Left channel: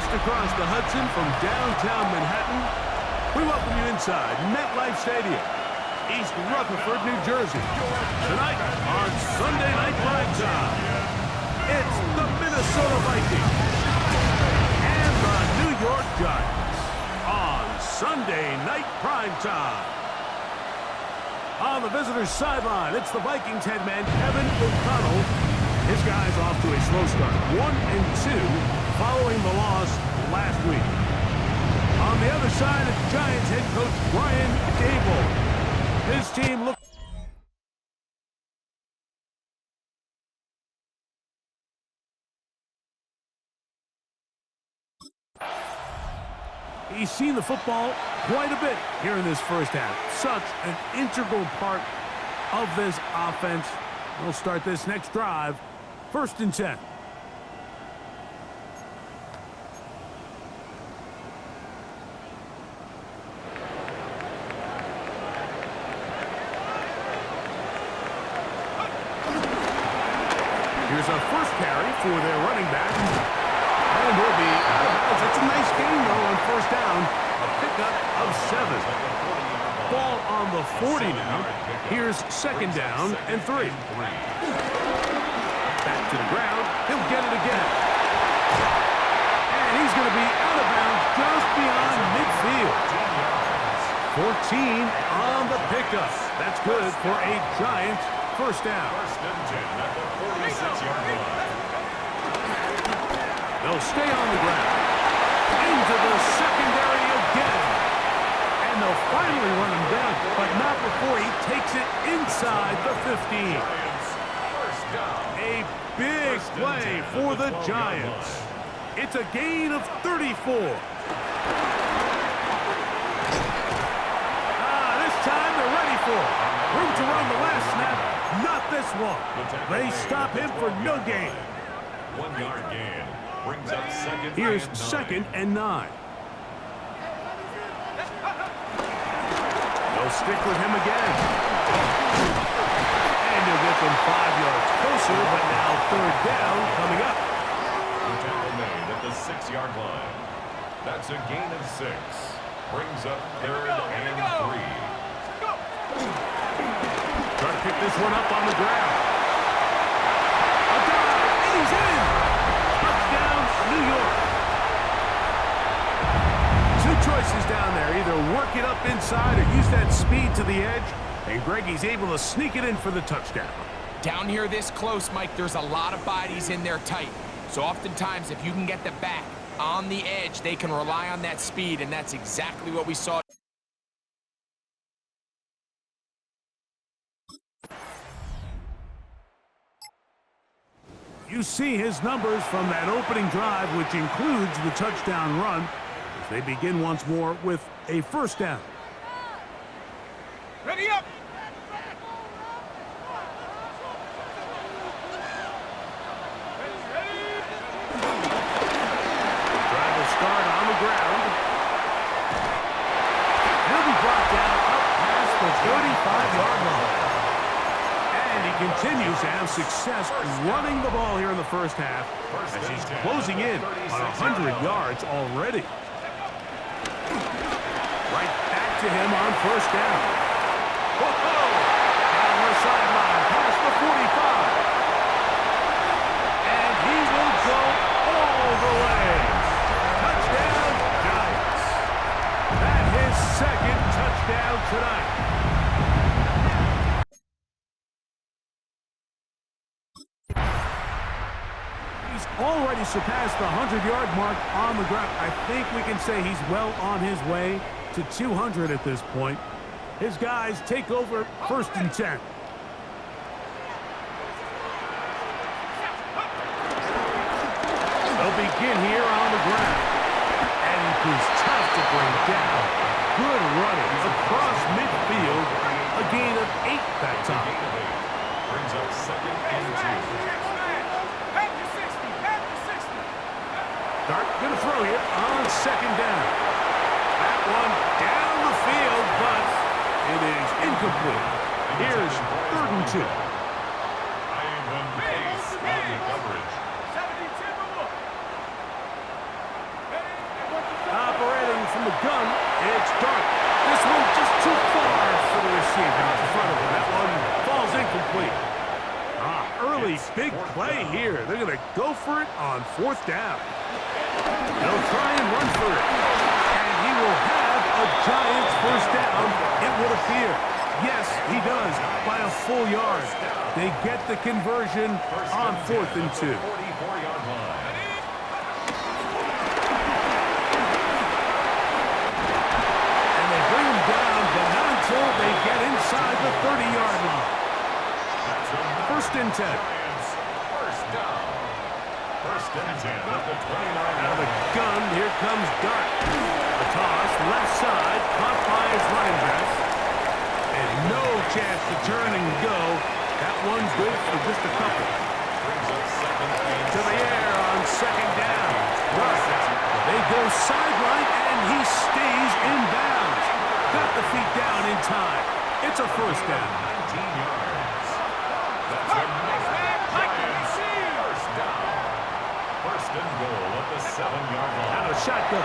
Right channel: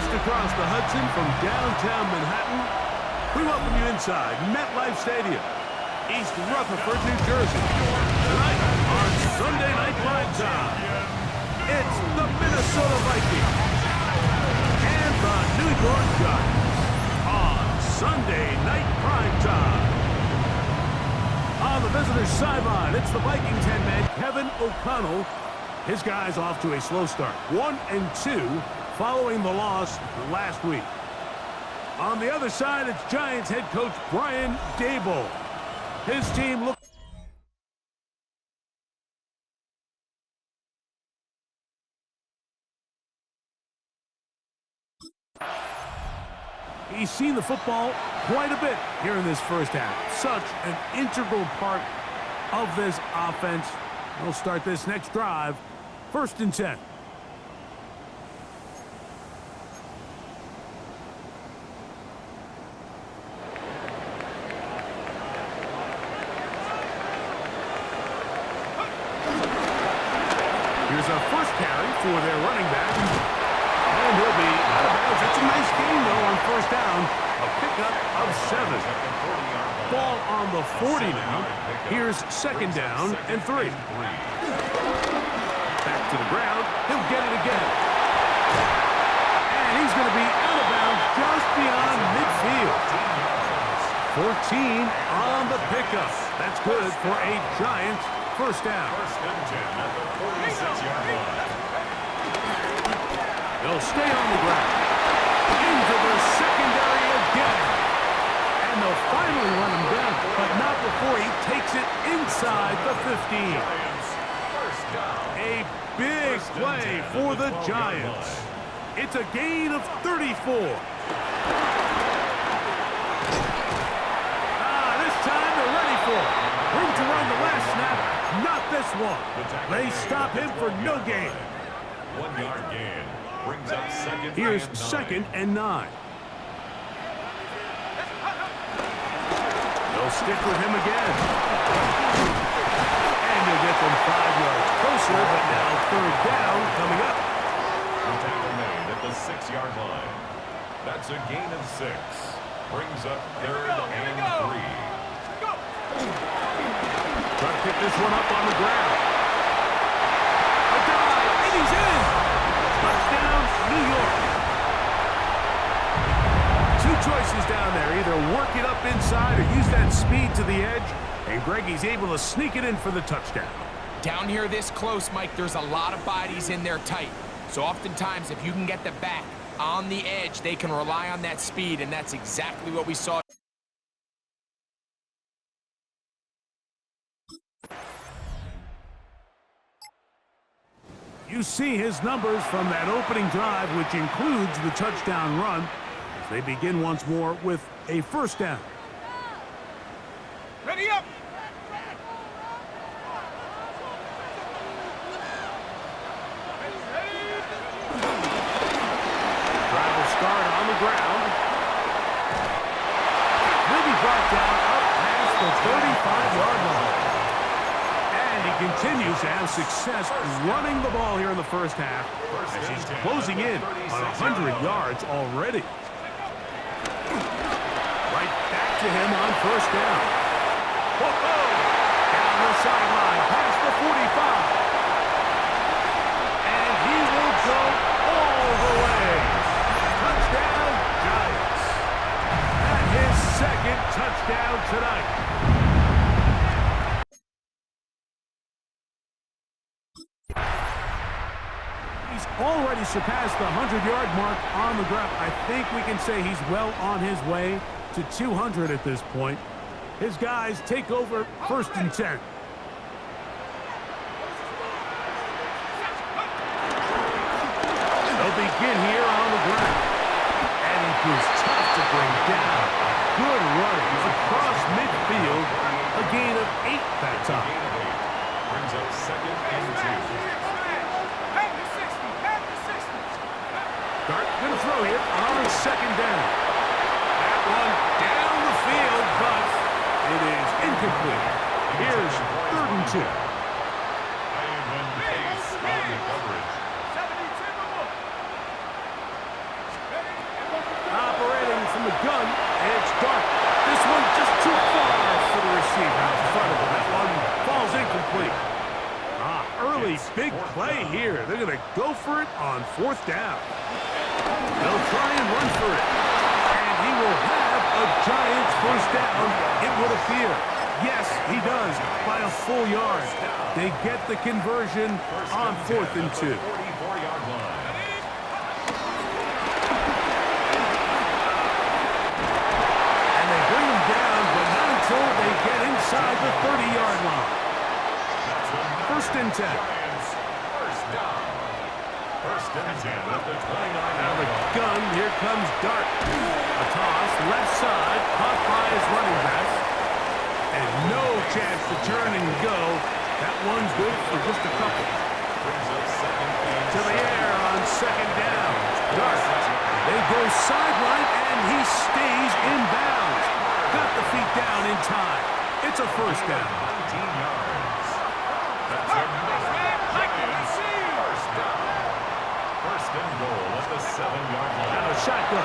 Just across the Hudson from downtown Manhattan, we welcome you inside MetLife Stadium, East Rutherford, New Jersey. Tonight on Sunday Night Primetime, it's the Minnesota Vikings and the New York Giants on Sunday Night Primetime. On the visitors' sideline, it's the Vikings head man Kevin O'Connell. His guys off to a slow start, 1-2, following the loss last week. On the other side, it's Giants head coach Brian Daboll. His team looks... He's seen the football quite a bit here in this first half. Such an integral part of this offense. We'll start this next drive. 1st and 10. Here's a first carry for their running back. And he'll be out of bounds. It's a nice gain, though, on 1st down. A pickup of 7. Ball on the 40 now. Here's 2nd down and 3. Back to the ground. He'll get it again. And he's going to be out of bounds just beyond midfield. 14 on the pickup. That's good for a Giants first down. 1st and 10 at the 46-yard line. They'll stay on the ground. Into the secondary again. And they'll finally run him down, but not before he takes it inside the 15. A big play for the Giants. It's a gain of 34. This time they're ready for it. Room to run the last snap. Not this one. They stop him for no gain. 1-yard gain. Brings up second. Here's and 2nd and 9. They'll stick with him again. And he'll get them 5 yards closer, but now 3rd down coming up. The tackle made at the 6-yard line. That's a gain of 6. Brings up 3rd and 3. Try to pick this one up on the ground. A dive, and he's in. Touchdown, New York. 2 choices down there. Either work it up inside or use that speed to the edge. And Greggy's able to sneak it in for the touchdown. Down here this close, Mike, there's a lot of bodies in there tight. So oftentimes, if you can get the back on the edge, they can rely on that speed, and that's exactly what we saw. You see his numbers from that opening drive, which includes the touchdown run, as they begin once more with a 1st down. Ready up! Drive will start on the ground. He'll be brought down up past the 35-yard line. And he continues to have success running the ball here in the first half as he's closing in on 100 yards already. Right back to him on 1st down. Whoa! Down the sideline past the 45. And he will go all the way. Touchdown, Giants. And his 2nd touchdown tonight. He's already surpassed the 100-yard mark on the ground. I think we can say he's well on his way to 200 at this point. His guys take over 1st and 10. They'll begin here on the ground. And he proves tough to bring down. Good running across midfield. A gain of 8 that time. Brings up 2nd and 2. Dart going to throw here on 2nd down. That one down the field, but it is incomplete. Here's 3rd and 2. Ivan Pace on the coverage. from the gun. It's Dart. This one just too far for the receiver out in front of him. That one falls incomplete. Early big play here. They're going to go for it on 4th down. They'll try and run for it. And he will have a Giants first down, it would appear. Yes, he does, by a full yard. They get the conversion on 4th and 2. 44-yard line. And they bring him down, but not until they get inside the 30-yard line. First and 10. Giants first down. First and 10 at the 29. Out of the gun, here comes Dart. A toss, left side, caught by his running back. And no chance to turn and go. That one's good for just a couple. Brings up second and To the air on 2nd down. Dart. They go sideline, and he stays in bounds. Got the feet down in time. It's a first down. 19 yards. That's another Giants first down. First and goal at the 7-yard line. Out of shotgun.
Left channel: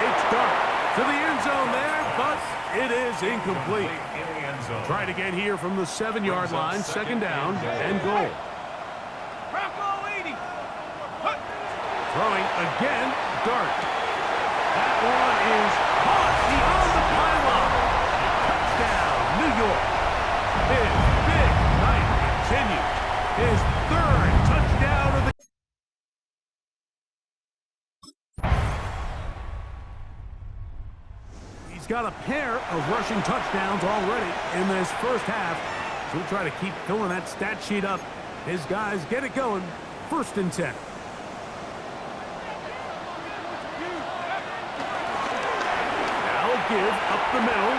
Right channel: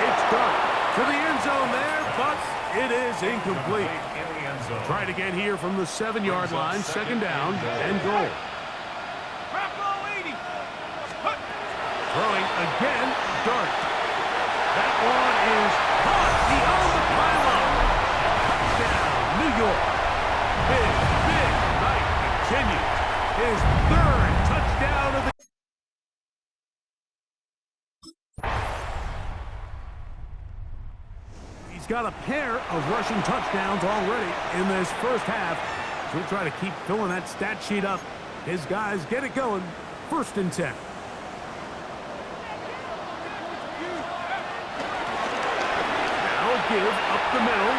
It's Dart. To the end zone there, but it is incomplete. In the end zone. Try to get here from the 7-yard line, 2nd down, and goal. Throwing again, Dart. That one is caught beyond the pylon. Touchdown, New York. His big night continues. His 3rd touchdown of the He's got a pair of rushing touchdowns already in this first half. So we'll try to keep filling that stat sheet up. His guys get it going. First and 10. Now a give up the middle.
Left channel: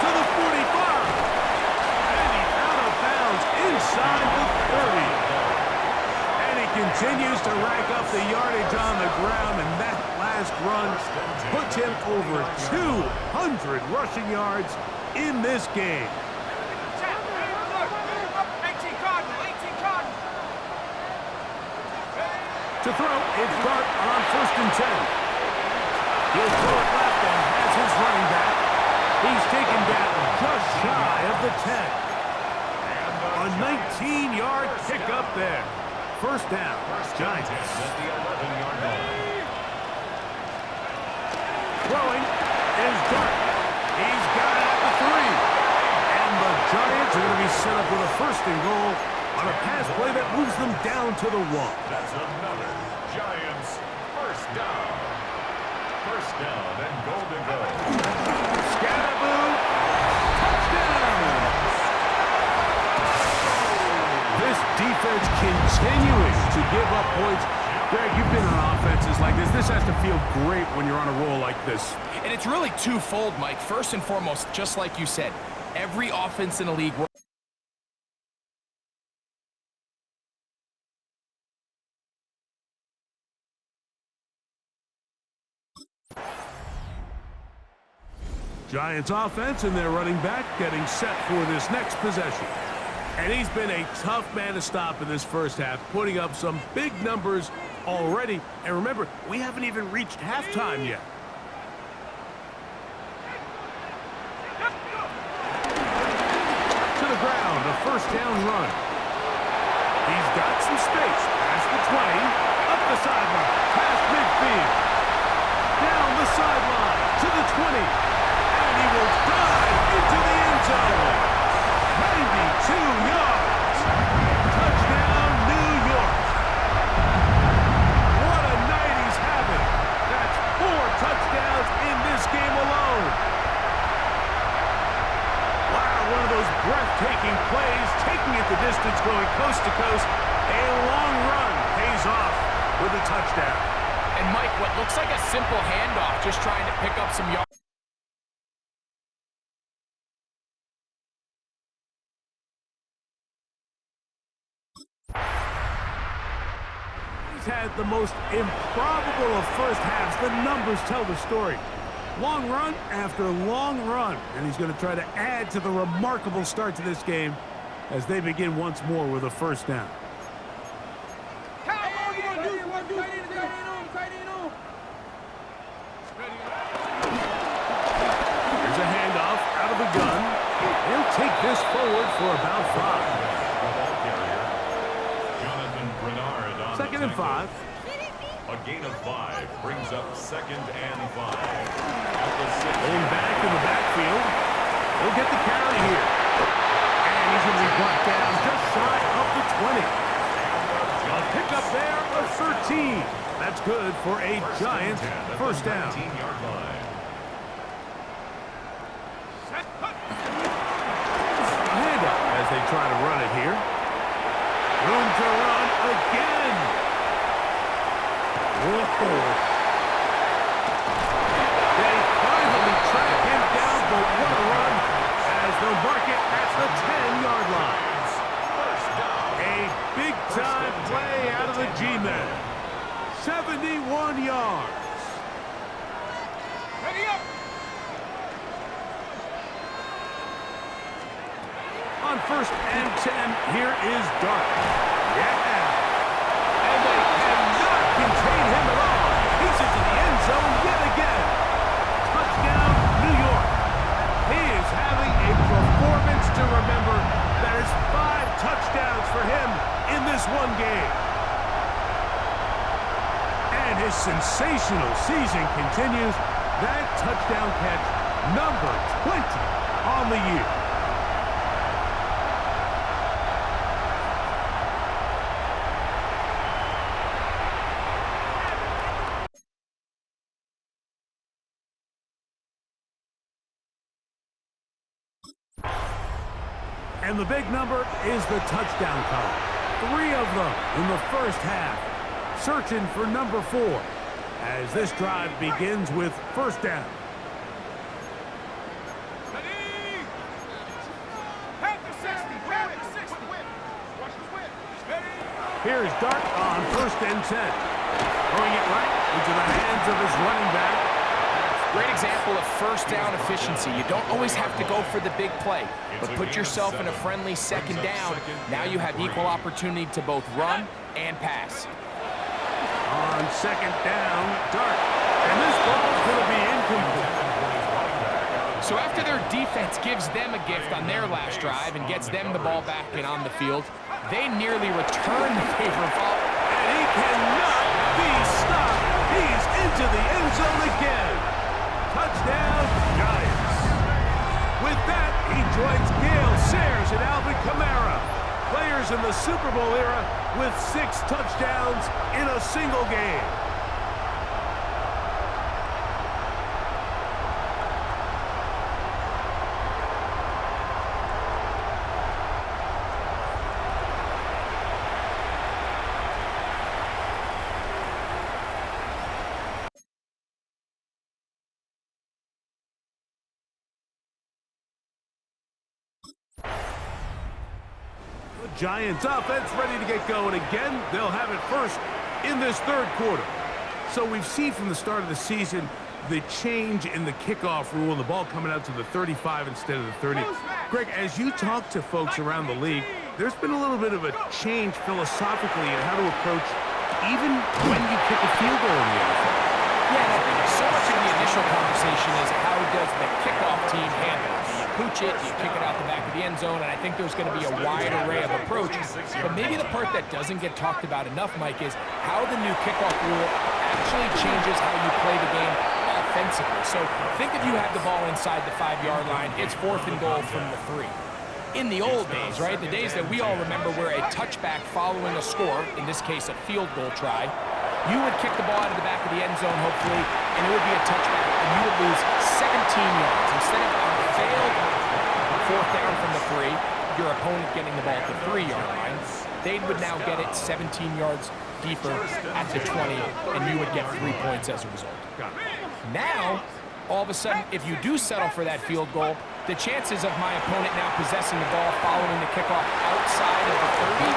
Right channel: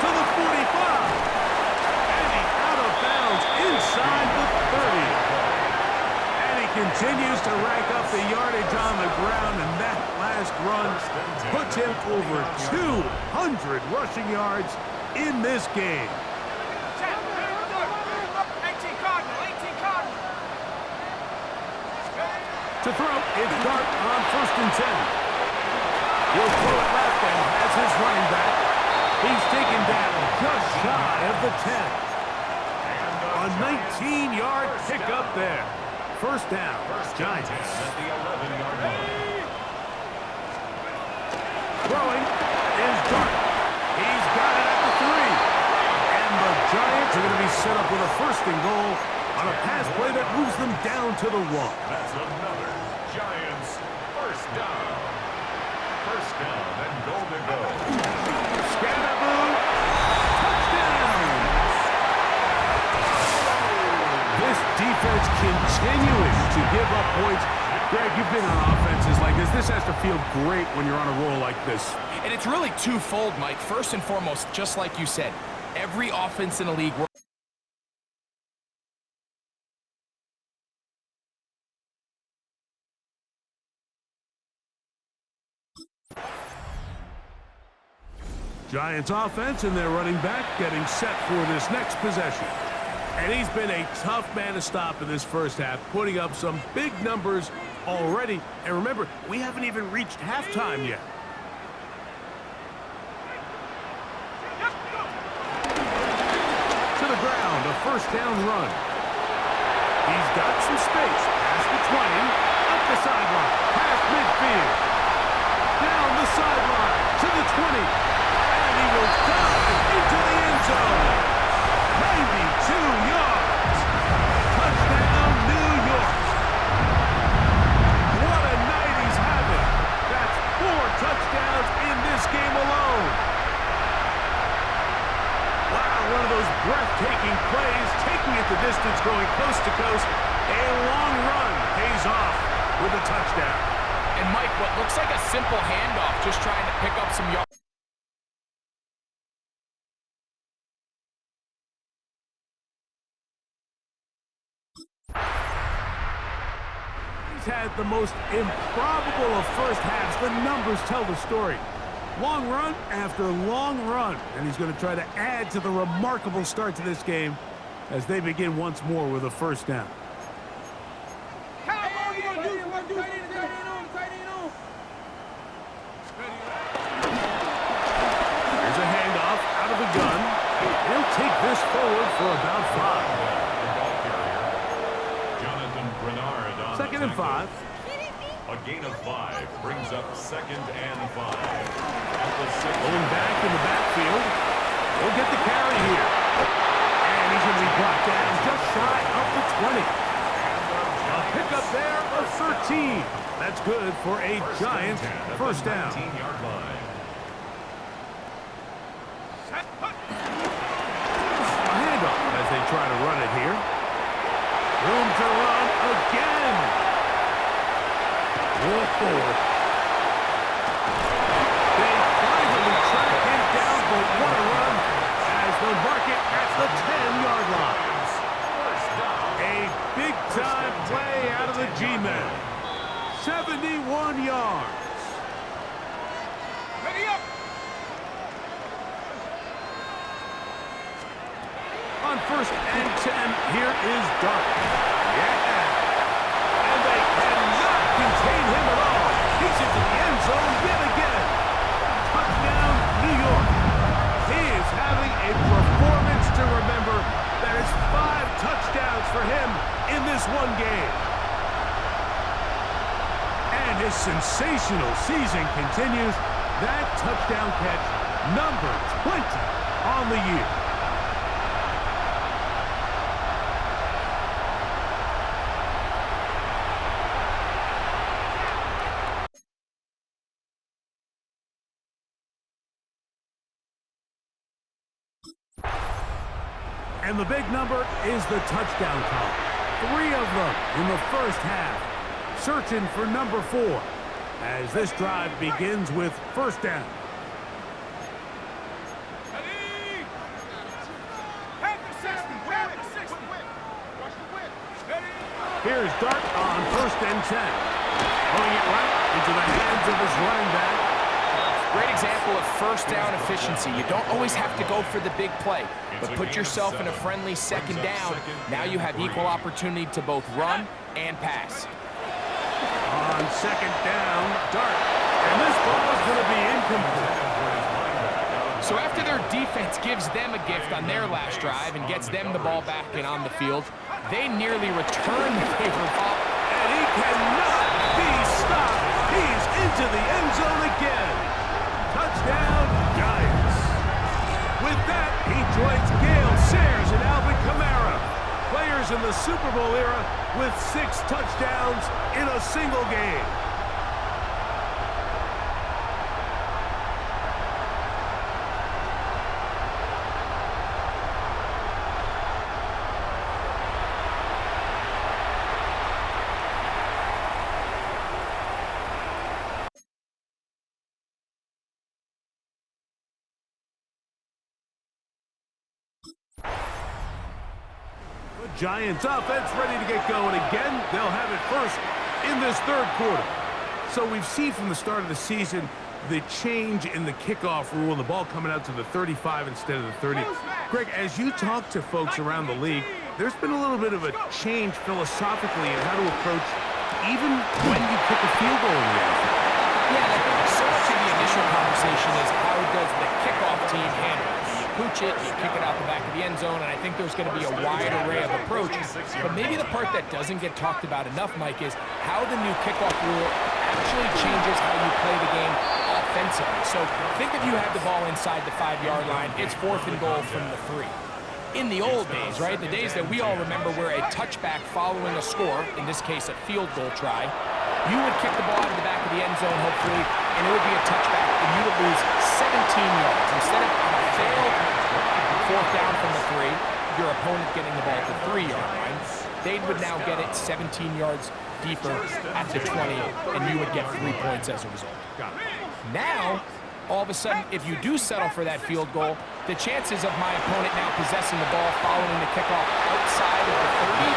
To the 45. And he's out of bounds inside the 30. And he continues to rack up the yardage on the ground, and that last run puts him over 200 rushing yards in this game. 18 Cardinal. To throw, it's Dart on 1st and 10. He'll throw it left and has his running back. He's taken down just shy of the 10. A 19-yard pickup there. First down, Giants. At the 11-yard line. Throwing is Dart. He's got it at the 3. And the Giants are going to be set up with a 1st and goal on a pass play that moves them down to the 1. That's another Giants first down. First down and goal to go. Scatterboo. Touchdown. This defense continuing to give up points. Greg, you've been on offenses like this. This has to feel great when you're on a roll like this. And it's really twofold, Mike. First and foremost, just like you said, every offense in the league works. Giants offense and their running back getting set for this next possession. And he's been a tough man to stop in this first half, putting up some big numbers already. And remember, we haven't even reached halftime yet. To the ground, a first down run. He's got some space. Past the 20, up the sideline, past midfield. Down the sideline, to the 20. And he will dive into the end zone. 92 yards. Touchdown, New York. What a night he's having. That's 4 touchdowns in this game alone. Wow, one of those breathtaking plays, taking it the distance, going coast to coast. A long run pays off with a touchdown. And Mike, what looks like a simple handoff, just trying to pick up some yards. Had the most improbable of first halves. The numbers tell the story. Long run after long run, and he's going to try to add to the remarkable start to this game as they begin once more with a first down. Here's a handoff out of the gun. He'll take this forward for about 5. The ball carrier, Jonathan Bernard on Second the and 5. A gain of 5 brings up 2nd and 5. At the 6. Pulling back in the backfield. He'll get the carry here. And he's going to be brought down just shy of the 20. A pickup there of 13. That's good for a Giants first down. 19-yard line. A handoff as they try to run it here. Room to run again. Whoa. They finally track him down, but what a run as they'll mark it at the 10-yard line. A big-time play out of the G-men. 71 yards. Ready up! On 1st and 10, here is Dart. Yeah. And they cannot contain him at all. He's into the end zone yet again. Touchdown, New York. He is having a performance to remember. That is 5 touchdowns for him in this one game. And his sensational season continues. That touchdown catch, number 20 on the year. And the big number is the touchdown column. 3 of them in the first half. Searching for number 4 as this drive begins with first down. Here's Dart on 1st and 10. Throwing it right into the hands of his running back. Great example of first down efficiency. You don't always have to go for the big play, but put yourself in a friendly second down. Now you have equal opportunity to both run and pass. On 2nd down, Dart. And this ball is going to be incomplete. So after their defense gives them a gift on their last drive and gets them the ball back and on the field, they nearly return the favor ball. And he cannot be stopped. He's into the end zone again. Touchdown, Giants. With that, he joins Gale Sayers and Alvin Kamara, players in the Super Bowl era with 6 touchdowns in a single game. Giants offense ready to get going again. They'll have it first in this 3rd quarter. So we've seen from the start of the season the change in the kickoff rule and the ball coming out to the 35 instead of the 30. Greg, as you talk to folks around the league, there's been a little bit of a change philosophically in how to approach even when you kick a field goal in the NFL. Yeah, and I think so much of the initial conversation is how does the kickoff team handle it? Do you pooch it? Do you kick it out the back of the end zone? And I think there's going to be a wide array of approaches. But maybe the part that doesn't get talked about enough, Mike, is how the new kickoff rule actually changes how you play the game offensively. So think if you have the ball inside the 5-yard line, it's 4th and goal from the 3. In the old days, right, the days that we all remember where a touchback following a score, in this case a field goal try, you would kick the ball out of the back of the end zone, hopefully, and it would be a touchback, and you would lose 17 yards. Instead of on a failed 4th down from the 3, your opponent getting the ball at the 3-yard line, they would now get it 17 yards deeper at the 20, and you would get 3 points as a result. Now, all of a sudden, if you do settle for that field goal, the chances of my opponent now possessing the ball following the kickoff outside of the 30,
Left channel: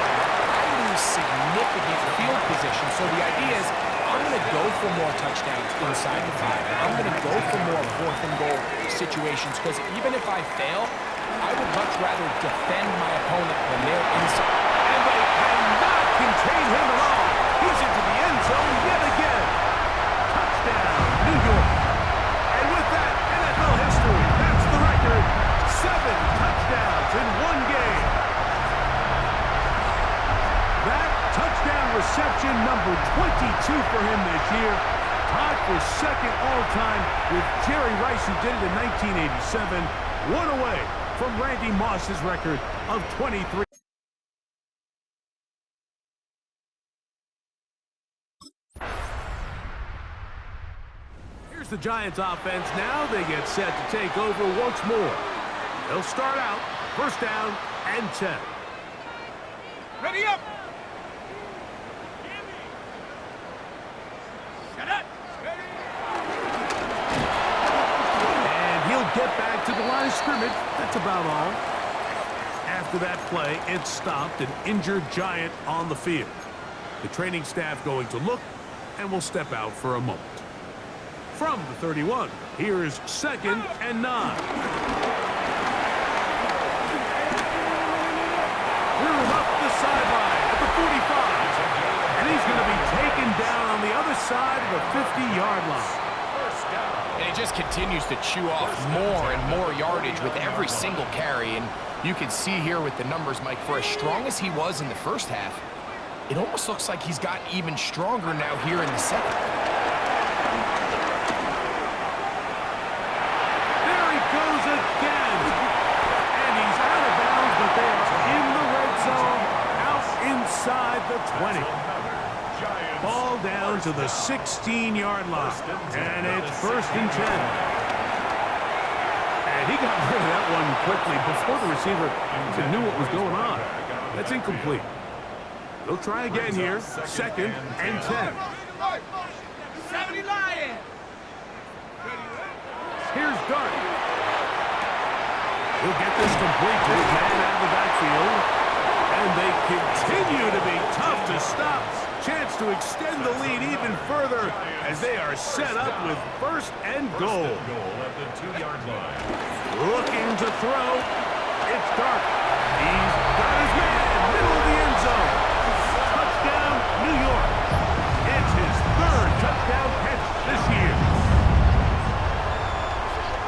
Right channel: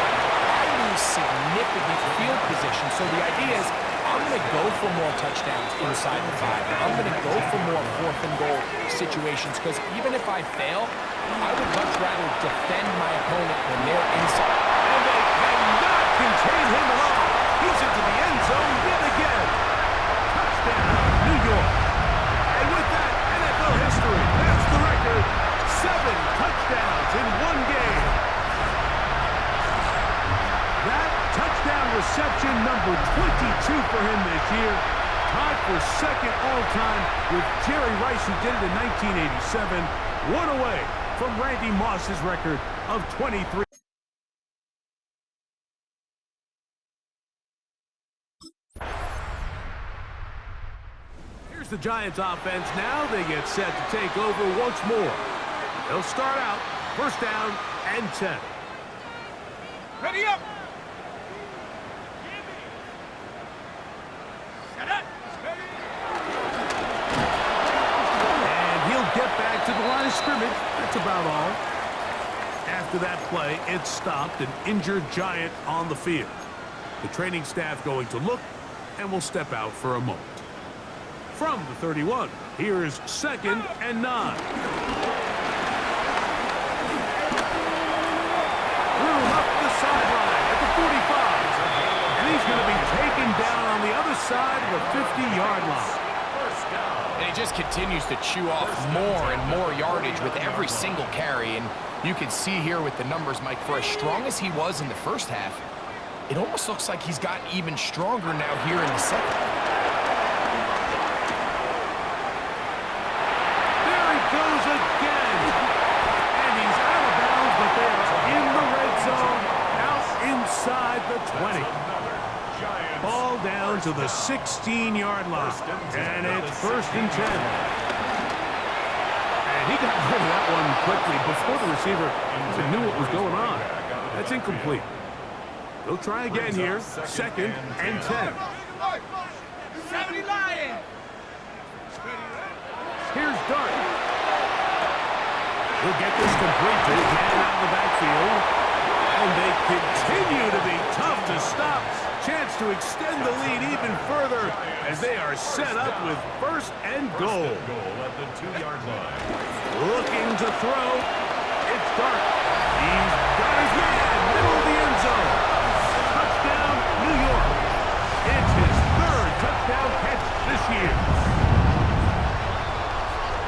I lose significant field position. So the idea is I'm going to go for more touchdowns inside the 5. I'm going to go for more 4th and goal situations because even if I fail, I would much rather defend my opponent when they're inside. And they cannot contain him at all. He's into the end zone yet again. Touchdown, New York. number 22 for him this year. Tied for second all-time with Jerry Rice, who did it in 1987. One away from Randy Moss's record of 23. Here's the Giants offense now. They get set to take over once more. They'll start out first down and 10. Ready up! And he'll get back to the line of scrimmage. That's about all. After that play, it stopped an injured Giant on the field. The training staff going to look and will step out for a moment. From the 31, here's second and 9. Threw him up the sideline at the 45. And he's going to be taken down on the other side of the 50-yard line. And he just continues to chew off more and more yardage with every single carry. And you can see here with the numbers, Mike, for as strong as he was in the first half, it almost looks like he's gotten even stronger now here in the second. There he goes again. And he's out of bounds, but they are in the red zone, out inside the 20. Ball down to the 16-yard line. And it's first and 10. And he got rid of that one quickly before the receiver even knew what was going on. That's incomplete. They'll try again here. Second and 10. 70 Lions. Here's Dart. He'll get this complete to his man out of the backfield. And they continue to be tough to stop. Chance to extend the lead even further as they are set up with first and goal. At the 2-yard line. Looking to throw. It's Dart. He's got his man, middle of the end zone. Touchdown, New York. It's his third touchdown catch this year.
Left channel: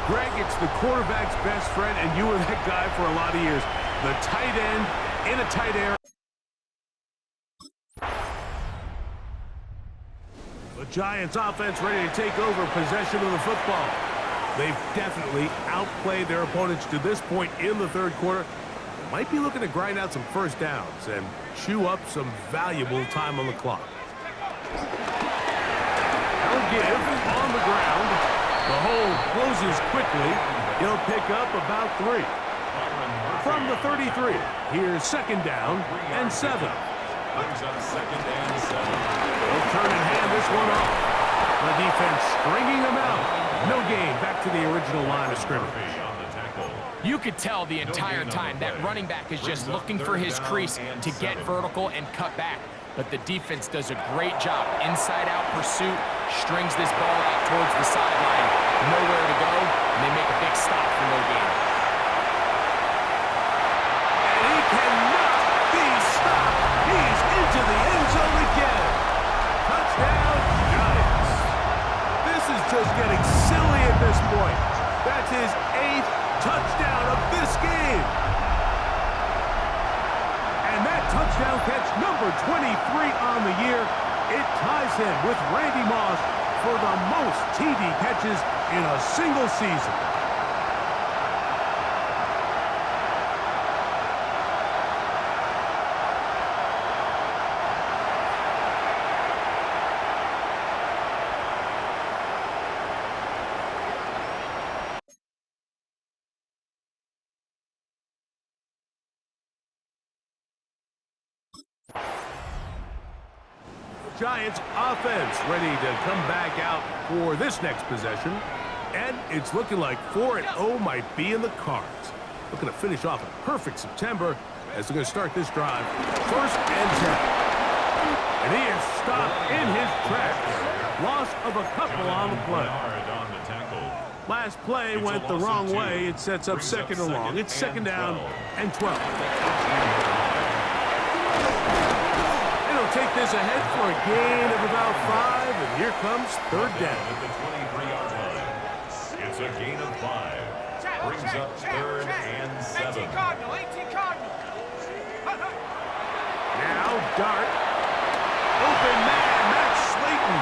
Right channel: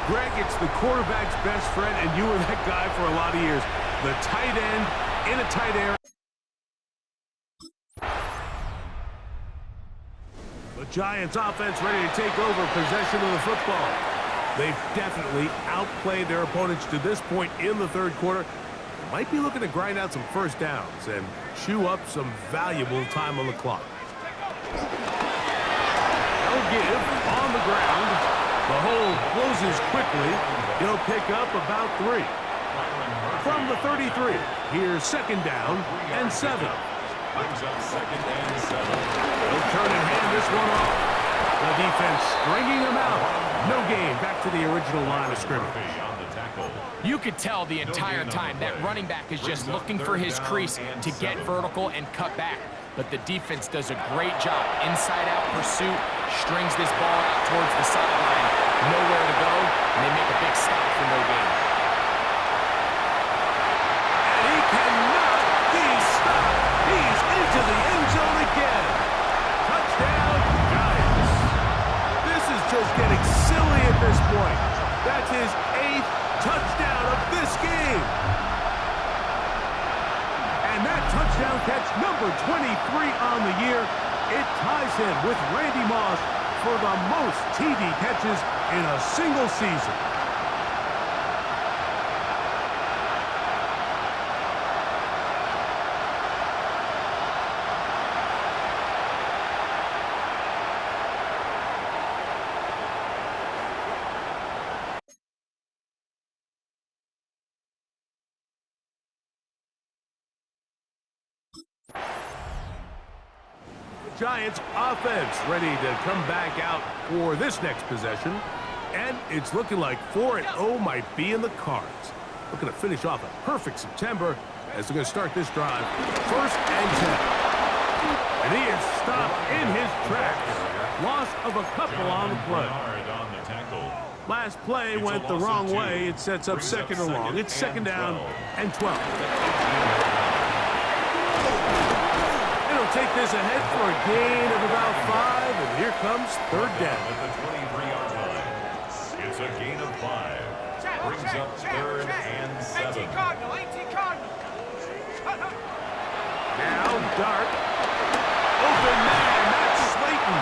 Greg, it's the quarterback's best friend, and you were that guy for a lot of years. The tight end in a tight area. The Giants offense ready to take over possession of the football. They've definitely outplayed their opponents to this point in the third quarter. They might be looking to grind out some first downs and chew up some valuable time on the clock. They'll give on the ground. The hole closes quickly. He'll pick up about 3. From the 33, here's second down and 7. Brings up second and 7. They'll turn and hand this one off. The defense stringing them out. No gain. Back to the original line of scrimmage. You could tell the entire time that running back is just looking for his crease to get vertical and cut back. But the defense does a great job. Inside-out pursuit, strings this ball out towards the sideline. Nowhere to go, and they make a big stop for no gain. And he cannot be stopped. He's into the end zone again. Touchdown, Giants. This is just getting silly at this point. That's his 8th touchdown of this game. And that touchdown catch, number 23 on the year, it ties him with Randy Moss for the most TD catches in a single season. Giants offense ready to come back out for this next possession. And it's looking like 4-0 might be in the cards. Looking to finish off a perfect September as they're going to start this drive. First and 10. And he is stopped in his tracks. Loss of a couple on the play. Last play went the wrong way. It sets up second and long. It's second down and 12. Take this ahead for a gain of about 5, and here comes third down. At the 23-yard line. It's a gain of 5. Brings up third and 7. 18 Cardinal. Now Dart. open man. That's Slayton.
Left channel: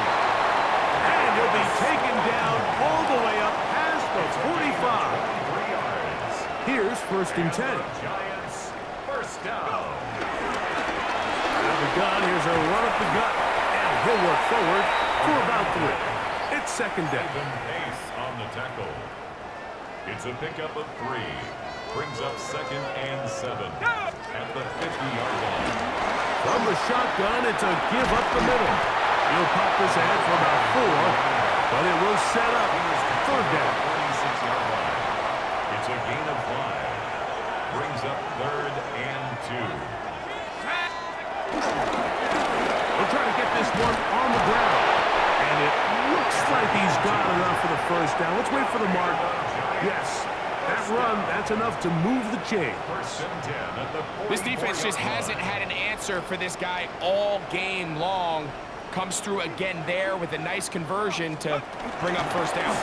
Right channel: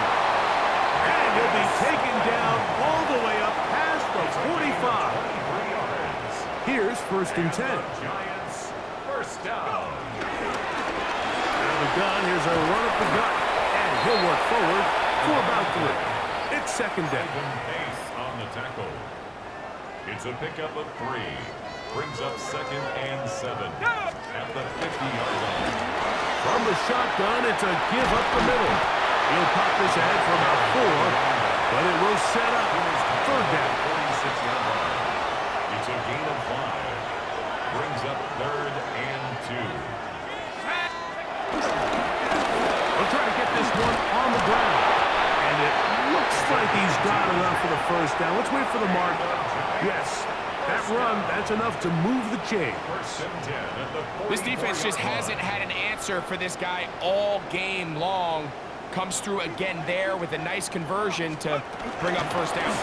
And he'll be taken down all the way up past the 45. 23 yards. Here's 1st and 10. Giants, first down. Out of the gun, here's a run up the gut. And he'll work forward for about 3. It's 2nd down. Even pace on the tackle. It's a pickup of 3. Brings up 2nd and 7 at the 50-yard line. From the shotgun, it's a give up the middle. He'll pop this ahead for about 4, but it will set up 3rd down. 46-yard line. It's a gain of 5. Brings up 3rd and 2. We'll try to get this one on the ground. And it looks like he's got enough for the 1st down. Let's wait for the mark. Yes, that run, that's enough to move the chain. 1st and 10 at the 44-yard line. This defense just hasn't had an answer for this guy all game long. Comes through again there with a nice conversion to bring up 1st down.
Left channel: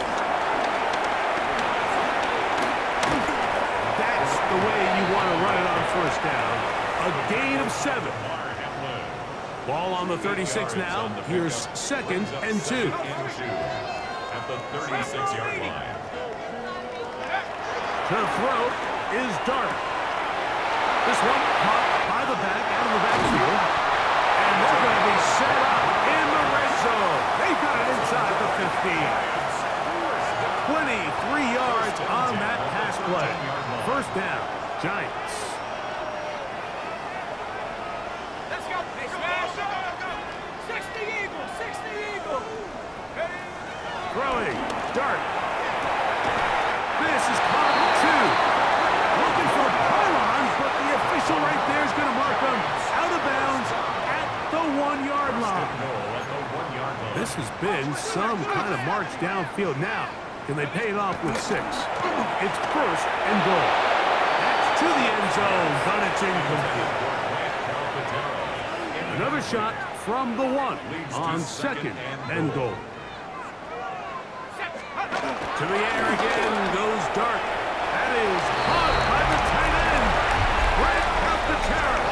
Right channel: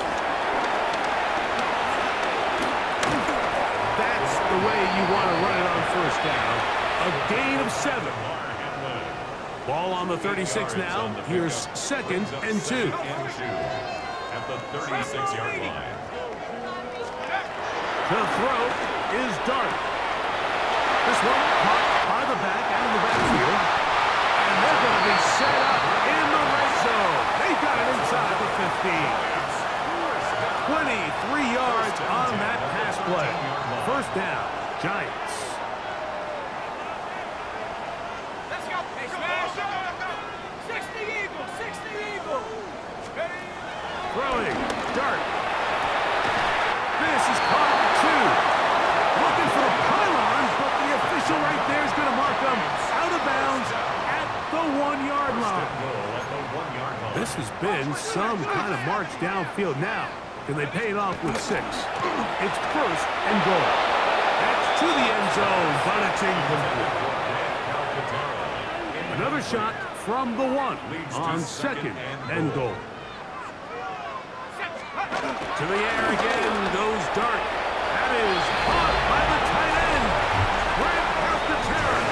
That's the way you want to run it on 1st down. A gain of 7. Ball on the 36 now. Here's 2nd and 2. At the 36-yard line. To throw is Dart. This one caught by the back, out of the backfield. And they're going to be set up in the red zone. They've got it inside the 15. 23 yards on that pass play. 1st down, Giants. Let's go. Hey, smash. 60 Eagles. 60 Eagles. Throwing, Dart. This is caught 2. Looking for the pylon, but the official right there is going to mark them out of bounds at the 1-yard line. This has been some kind of march downfield now. Can they pay it off with 6? It's 1st and goal. That's to the end zone, but it's incomplete. Another shot from the 1 on 2nd and goal. To the air again goes Dart. That is caught by the tight end. Grant Calcaterra.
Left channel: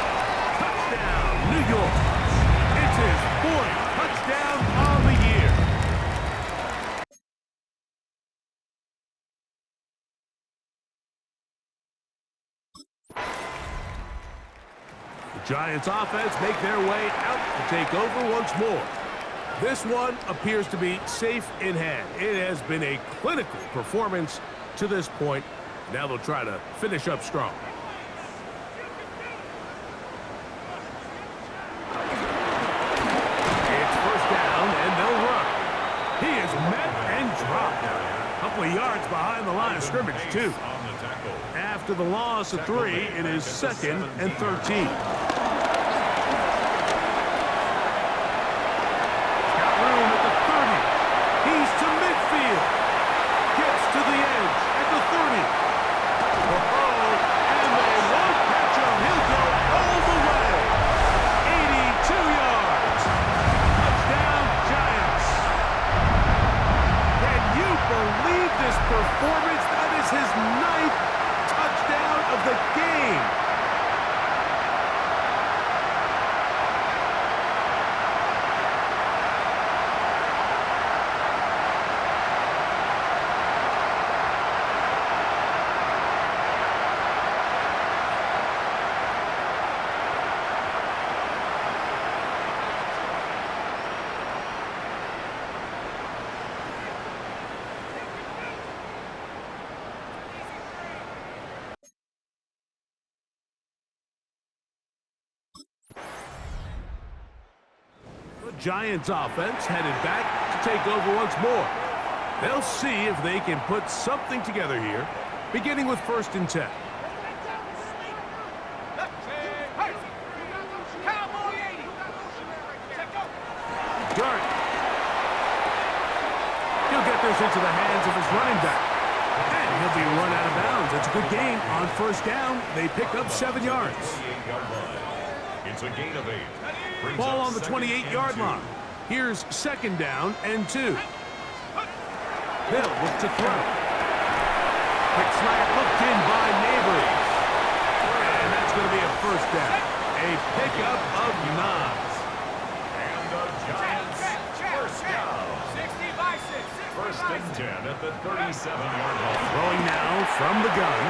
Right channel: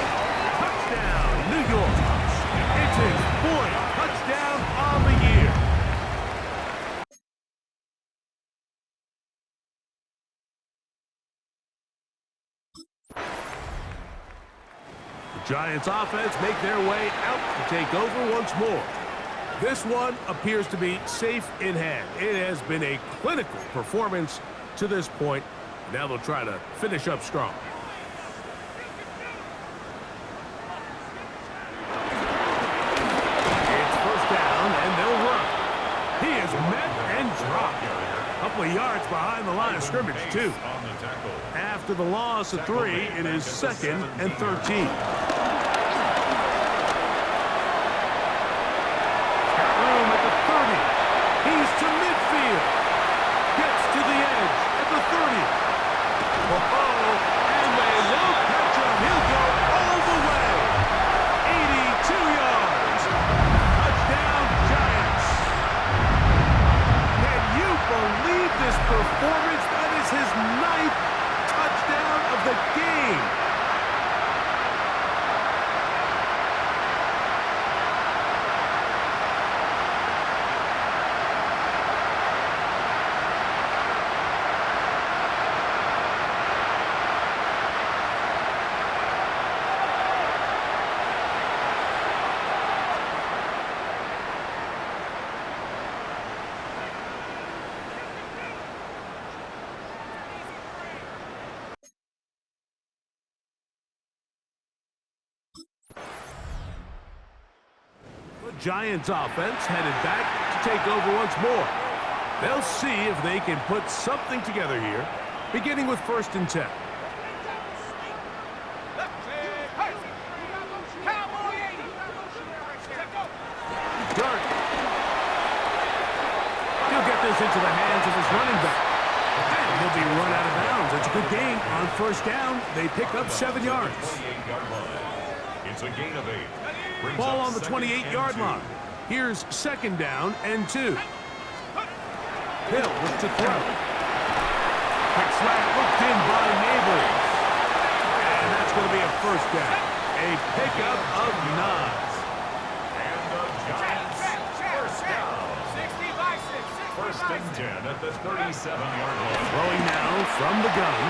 Touchdown, New York. It's his 4th touchdown on the year. The Giants offense make their way out to take over once more. This one appears to be safe in hand. It has been a clinical performance to this point. Now they'll try to finish up strong. It's 1st down, and they'll run. He is met and dropped. A couple of yards behind the line of scrimmage, too. After the loss of 3, it is 2nd and 13. Room at the 30. He's to midfield. Gets to the edge at the 30. Whoa, and they won't catch him. He'll go all the way. 82 yards. Touchdown, Giants. Can you believe this performance? That is his 9th touchdown of the game. Giants offense headed back to take over once more. They'll see if they can put something together here, beginning with 1st and 10. Dart. He'll get this into the hands of his running back. And he'll be run out of bounds. It's a good gain on 1st down. They pick up 7 yards. It's a gain of 8. Ball on the 28-yard line. Here's 2nd down and 2. Hill look to throw. Quick slant looked in by Neighbors. And that's going to be a 1st down. A pickup of 9. And Giants. First down. 60 by 6. 60 First by and 6. 10 at the 37-yard line. Throwing now from the gun.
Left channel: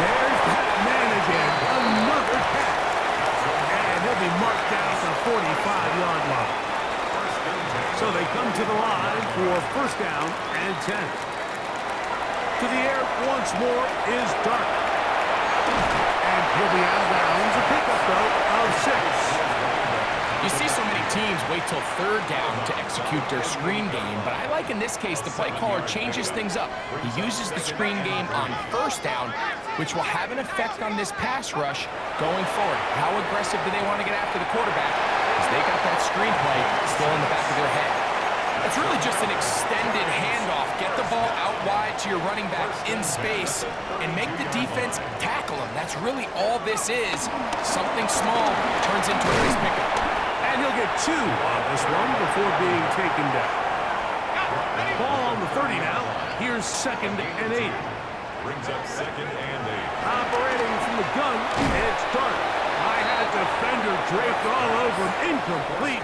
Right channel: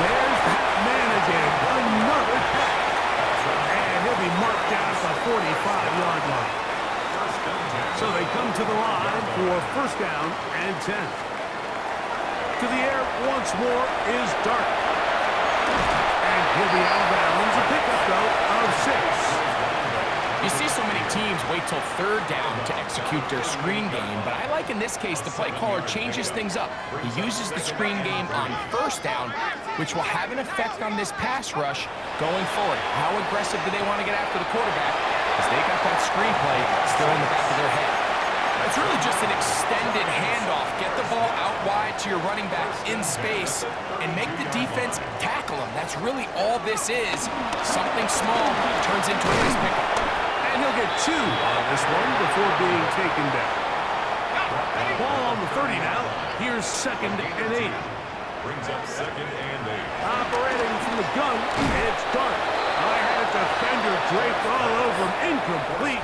There's that man again. Another catch. And he'll be marked down at the 45-yard line. First and 10. So they come to the line for first down and 10. To the air once more is Dart. And he'll be out of bounds. A pickup, though, of 6. You see so many teams wait till third down to execute their screen game, but I like in this case the play caller changes things up. He uses the screen game on first down, which will have an effect on this pass rush going forward. How aggressive do they want to get after the quarterback? Because they got that screen play still in the back of their head. It's really just an extended handoff. Get the ball out wide to your running back in space and make the defense tackle him. That's really all this is. Something small turns into a nice pickup. And he'll get 2 on this one before being taken down. Ball on the 30 now. Here's second and 8. Brings up second and 8. Operating from the gun, it's Dart. I had a defender draped all over him. Incomplete.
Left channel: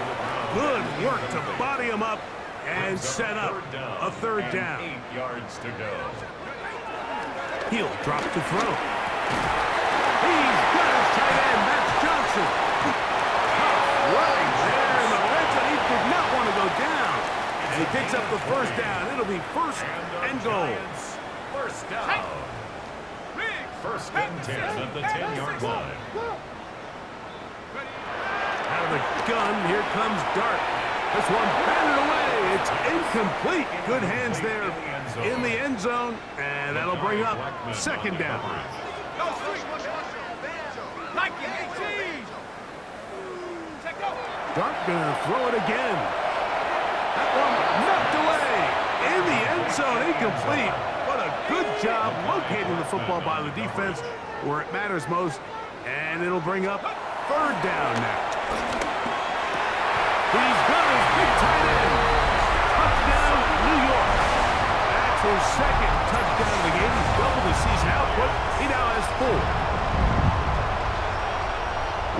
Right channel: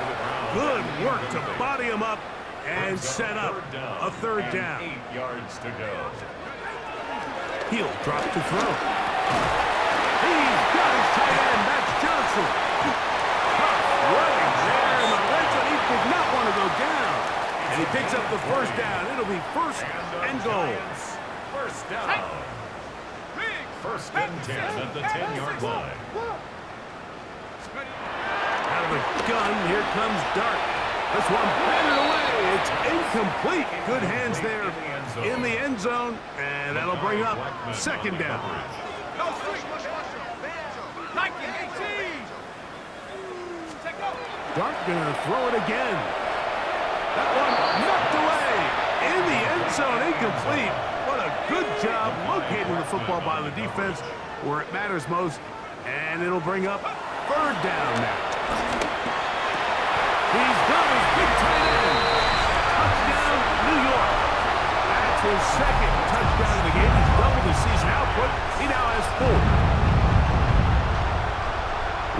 Good work to body him up and set up a third down. 8 yards to go. He'll drop to throw. He's got his tight end. That's Johnson. Tough running there in the red zone. He did not want to go down. And he picks up the first down. It'll be first and goal. First down. First and 10 at the 10-yard line. Out of the gun, here comes Dart. This one batted away. It's incomplete. Good hands there in the end zone. And that'll bring up second down. Dart gonna throw it again. That one knocked away. In the end zone, incomplete. What a good job locating the football by the defense where it matters most. And it'll bring up third down now. He's got his big tight end. Touchdown, New York. That's his second touchdown of the game. He's doubled his season output. He now has 4.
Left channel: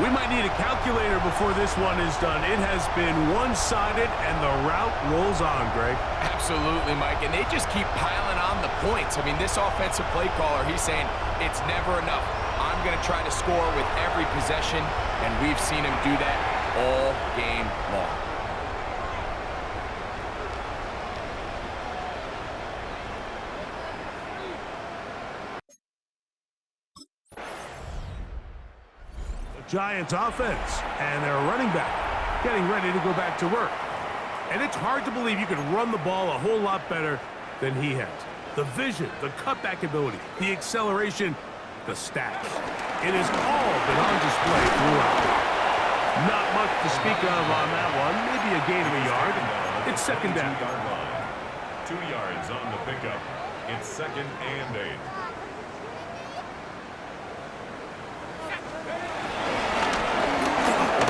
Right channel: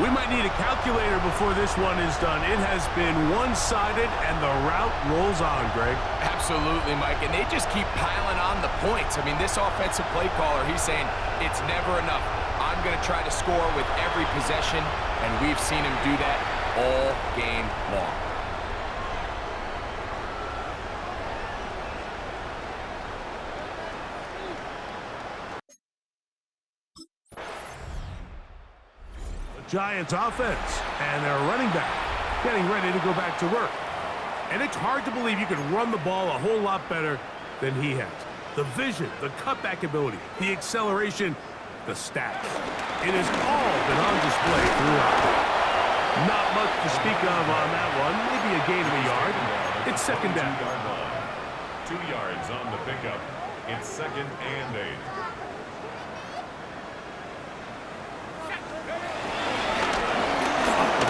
We might need a calculator before this one is done. It has been one-sided, and the route rolls on, Greg. Absolutely, Mike, and they just keep piling on the points. I mean, this offensive play caller, he's saying it's never enough. I'm going to try to score with every possession, and we've seen him do that all game long. Giants offense and their running back getting ready to go back to work. And it's hard to believe you could run the ball a whole lot better than he has. The vision, the cutback ability, the acceleration, the stats. It has all been on display throughout. Not much to speak of on that one. Maybe a gain of a yard. It's second down. 2-yard line. 2 yards on the pickup. It's second and 8.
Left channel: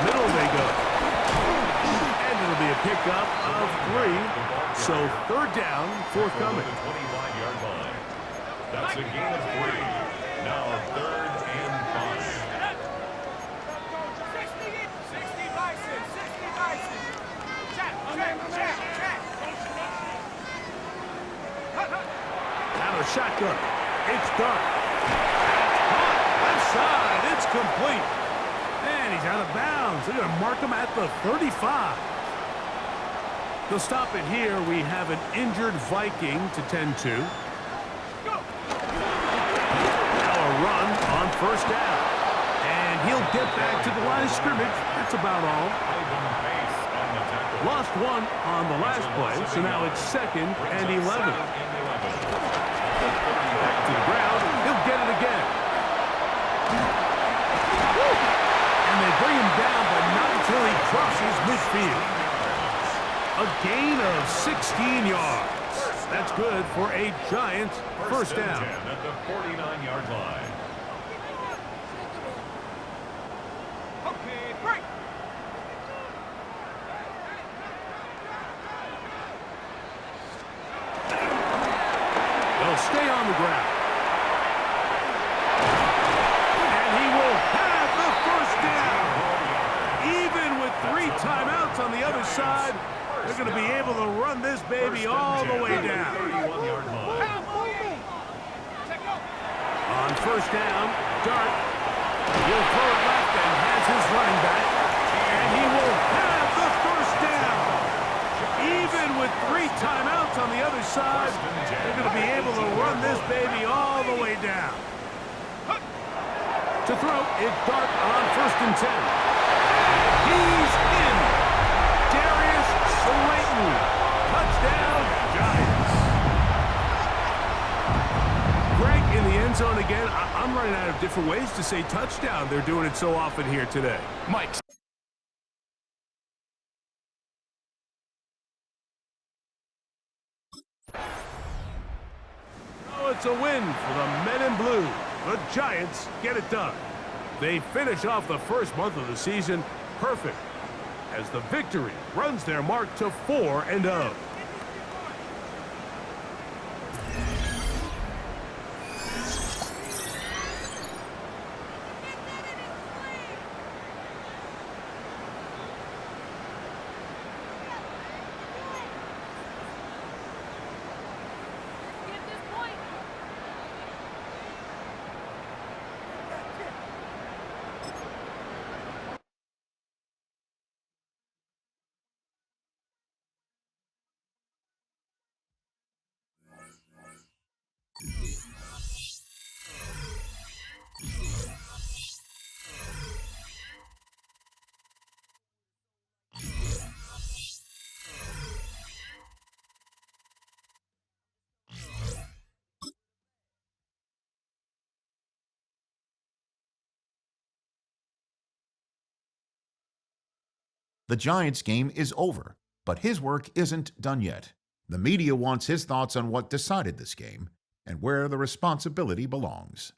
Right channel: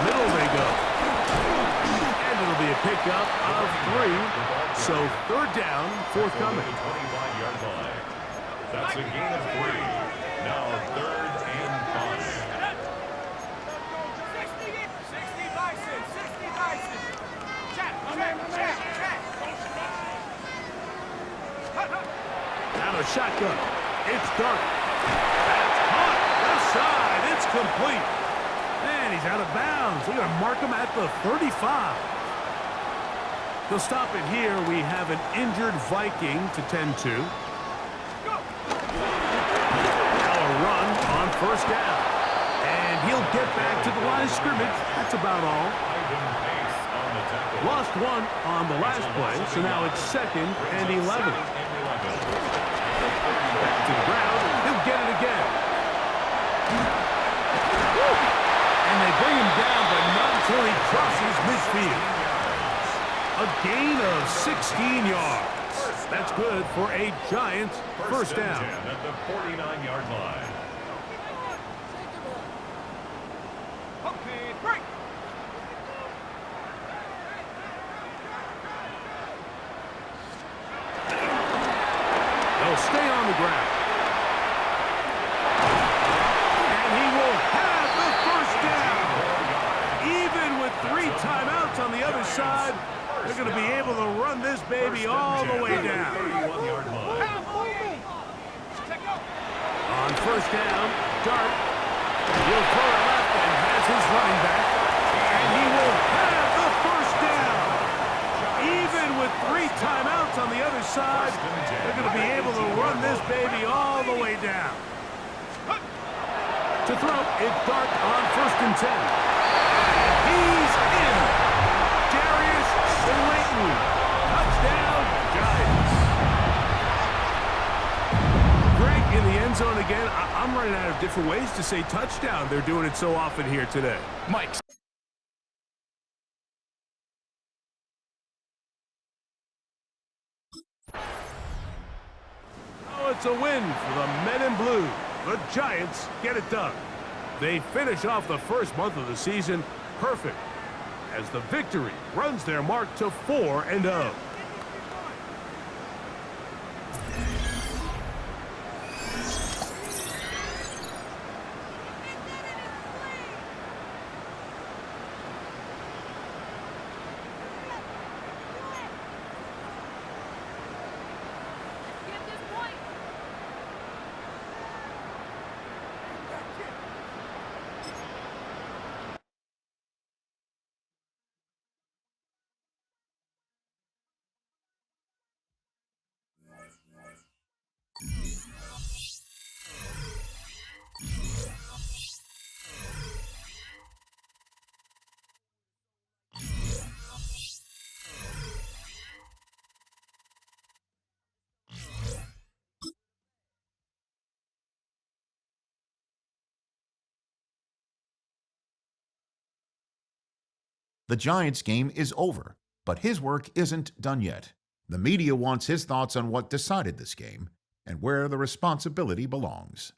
Middle they go. And it'll be a pickup of 3. So third down, forthcoming. The 25-yard line. That's a gain of 3. Now third and 5. 60 by 6. 60 by 6. Check. Now a shotgun. It's Dart. That's hot. Left side. It's complete. And he's out of bounds. They're going to mark him at the 35. They'll stop it here. We have an injured Viking to tend to. Now a run on first down. And he'll get back to the line of scrimmage. That's about all. Lost 1 on the last play, so now it's second and 11. Back to the ground. He'll get it again. Woo! And they bring him down, but not until he crosses midfield. A gain of 16 yards. That's good for a Giants first down. At the 49-yard line. Okay, break. They'll stay on the ground. And he will have the first down. Even with 3 timeouts on the other side, they're going to be able to run this baby all the way down. 31-yard line. On first down, Dart. He'll throw it left and has his running back. And he will have the first down. Even with 3 timeouts on the other side, they're going to be able to run this baby all the way down. To throw, it's Dart on first and 10. He's in. Darius Slayton. Touchdown, Giants. Greg in the end zone again. I'm running out of different ways to say touchdown. They're doing it so often here today. Mike. Oh, it's a win for the Men in Blue. The Giants get it done. They finish off the first month of the season perfect as the victory runs their mark to 4-0. The Giants game is over, but his work isn't done yet. The media wants his thoughts on what decided this game and where the responsibility belongs.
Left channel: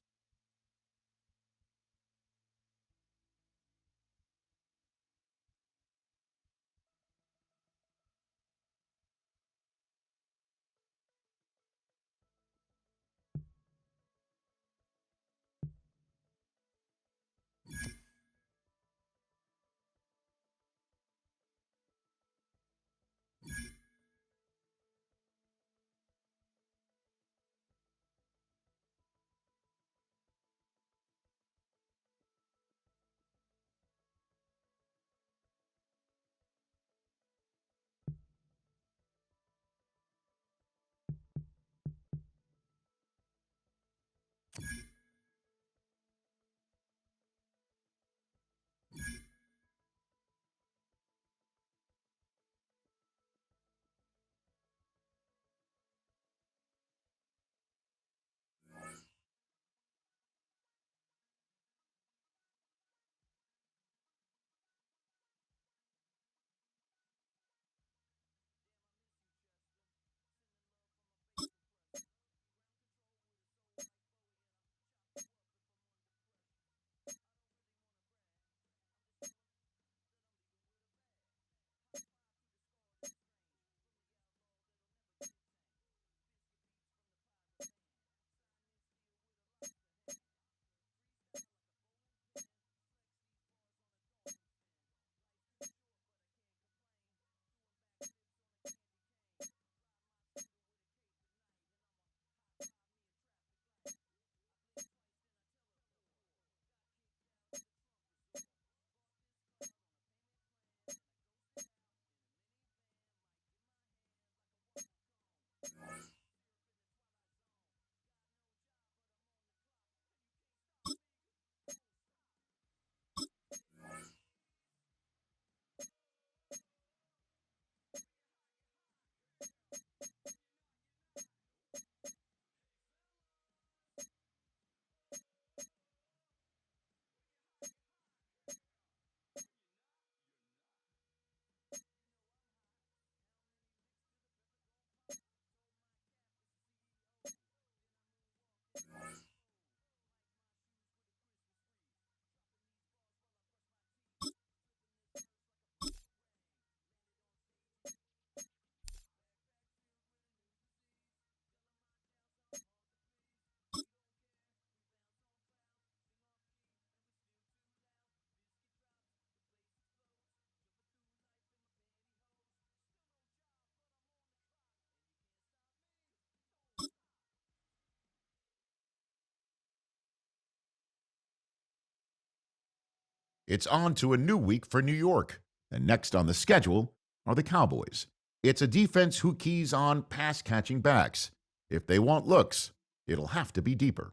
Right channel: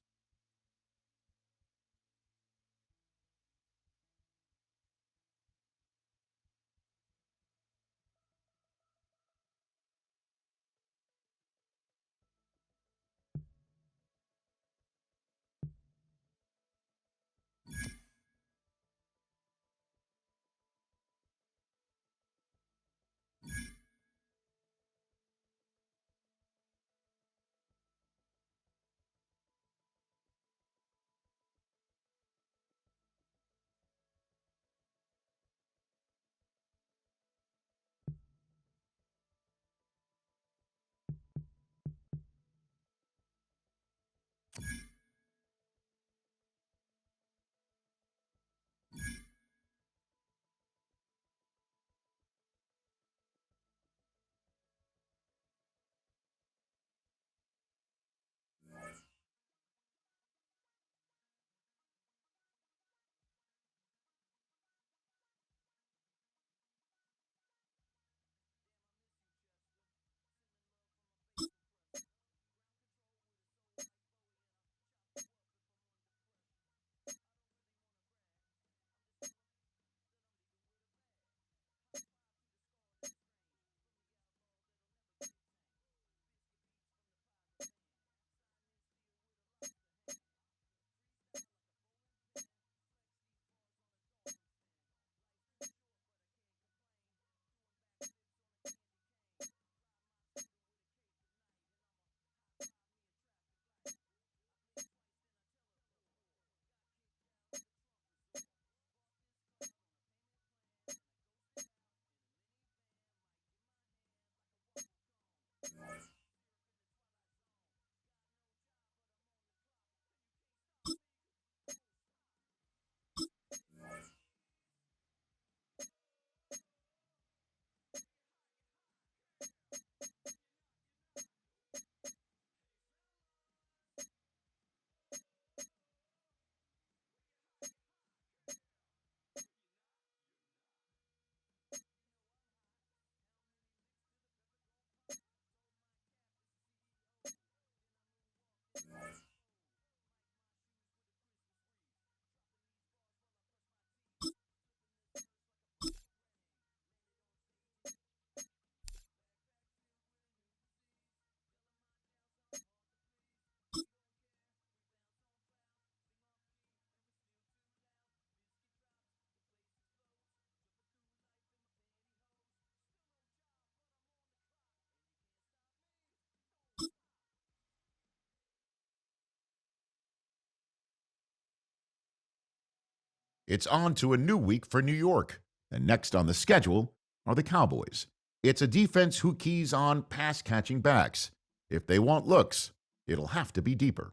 It's on to a new week for New York, and next on the schedule are the Cowboys. It's a defense who keys on pass-catching backs. If they want looks, it'll have to be deeper.